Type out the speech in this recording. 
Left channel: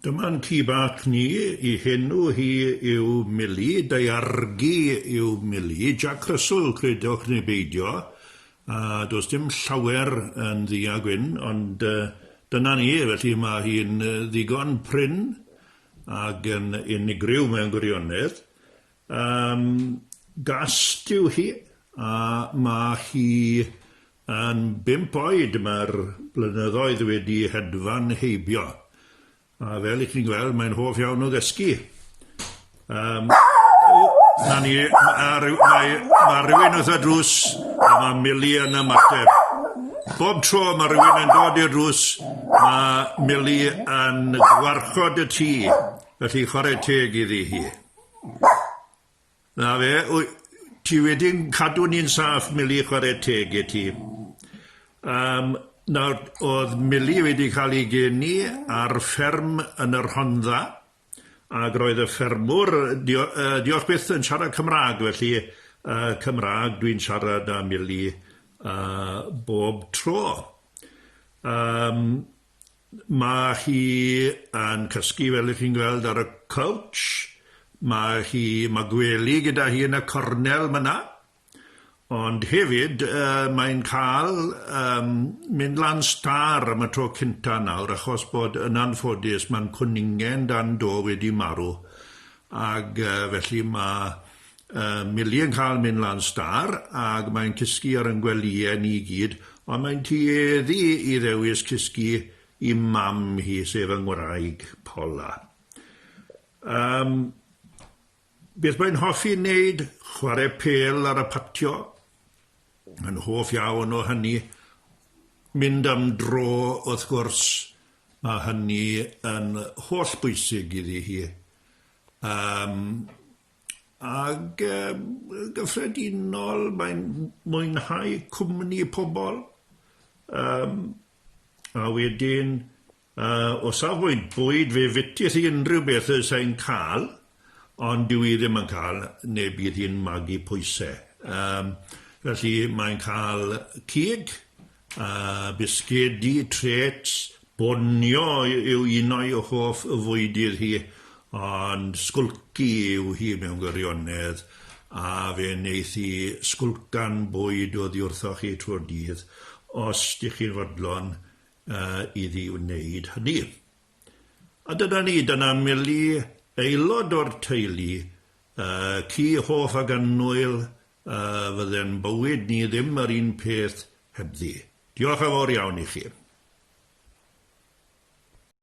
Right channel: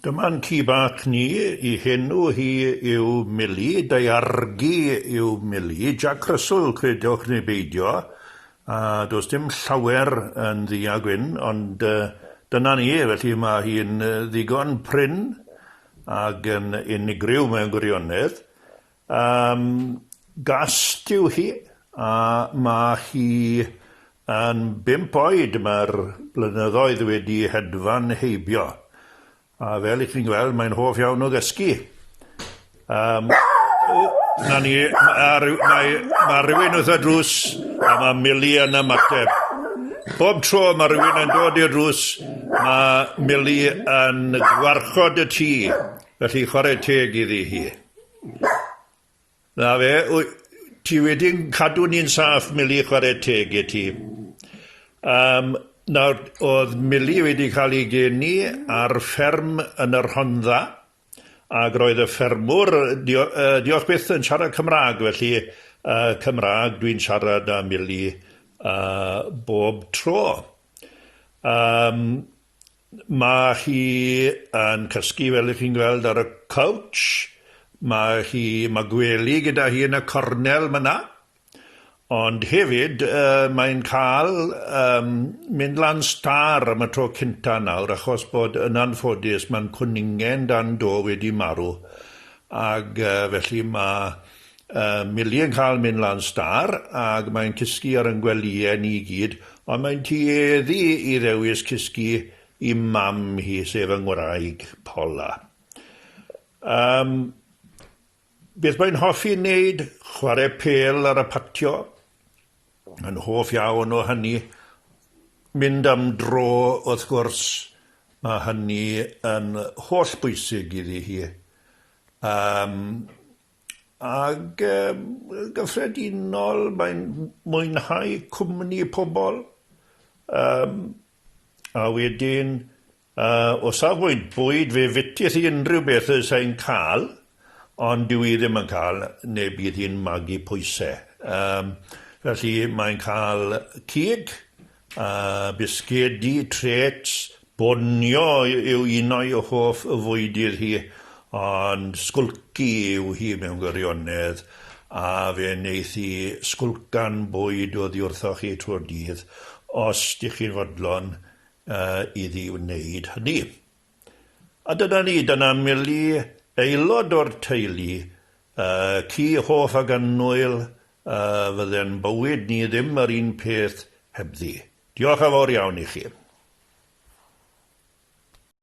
Dyma'n ci bach ni, I henw hi yw Millie, deiargu yw Millie, Jack Russell, credwch neu beidio, a does dim llawer yn ddi a gwyn, ond dyna ni, felly mae hi'n ddigon pryn ac yn unigryw mewn gwirionedd. Gast yw hi, a mae hi yn 5 oed, mae'r blynyddoedd wedi hedfan heibio. A fel I chi'n gweld, mae'n hoff iawn o ddysgu. Mae rhywun wrth y drws, a mae Millie yn ymateb. Bob tro mae rhywun yn dod i'r drws, mae Millie yn gwarchod y tŷ, felly chwarae teg iddi hi. Na fe, ti wedi'n cadw ni'n saff, Millie, chwarae teg I ti. Nawr, oedd Millie wedi cael ei geni ar fferm yn yr Rhondda, ac roedd y ffermwr, diolch byth yn siarad Cymraeg, felly Cymraeg dwi'n siarad â Millie bob tro. Mae hi yn cysgu fel ych chi'n gweld ar y couch, mae gwely gyda hi yn y cornel myna, ond hefyd mae'n cael mynd lan star am y tro cynta nawr, achos bod yn anffodus mae'n cwningen dan do wedi marw. Ac felly mae Millie yn cael mynd lan star, ac mae'n cysgu ar yn gwelyau ni gyd, ond mae'n tueddu I ddewis cysgu I mam hi, sef yng ngwraig Paula. Beth mae'n hoffi wneud? Chwarae pêl ar y patio. Yn hoff iawn o hynny. Mynd am dro, wrth gwrs, mae hynny yn holl bwysig iddi hi. Ac gyffredinol, mae'n mwynhau cwmni pobl. A wedyn, o safbwynt bwyd, fe fytith I unrhyw beth sy'n cael, ond dyw I ddim yn cael, neu bydd hi'n magu pwysau. Felly mae'n cael cig, bisgedi, trets, bonio yw un o'i hoff fwydydd hi, ond sgwlci yw hi mewn gwirionedd, a fe wneith hi sgwlcan bwyd o ddiwrthoch chi trwy'r dydd, os ydych chi'n fodlon iddi wneud hynny. A dyna Millie, aelod o'r teulu, ci hoff ag annwyl, fydde'n bywyd ni ddim yr un peth hebddi. Diolch yn fawr iawn I chi.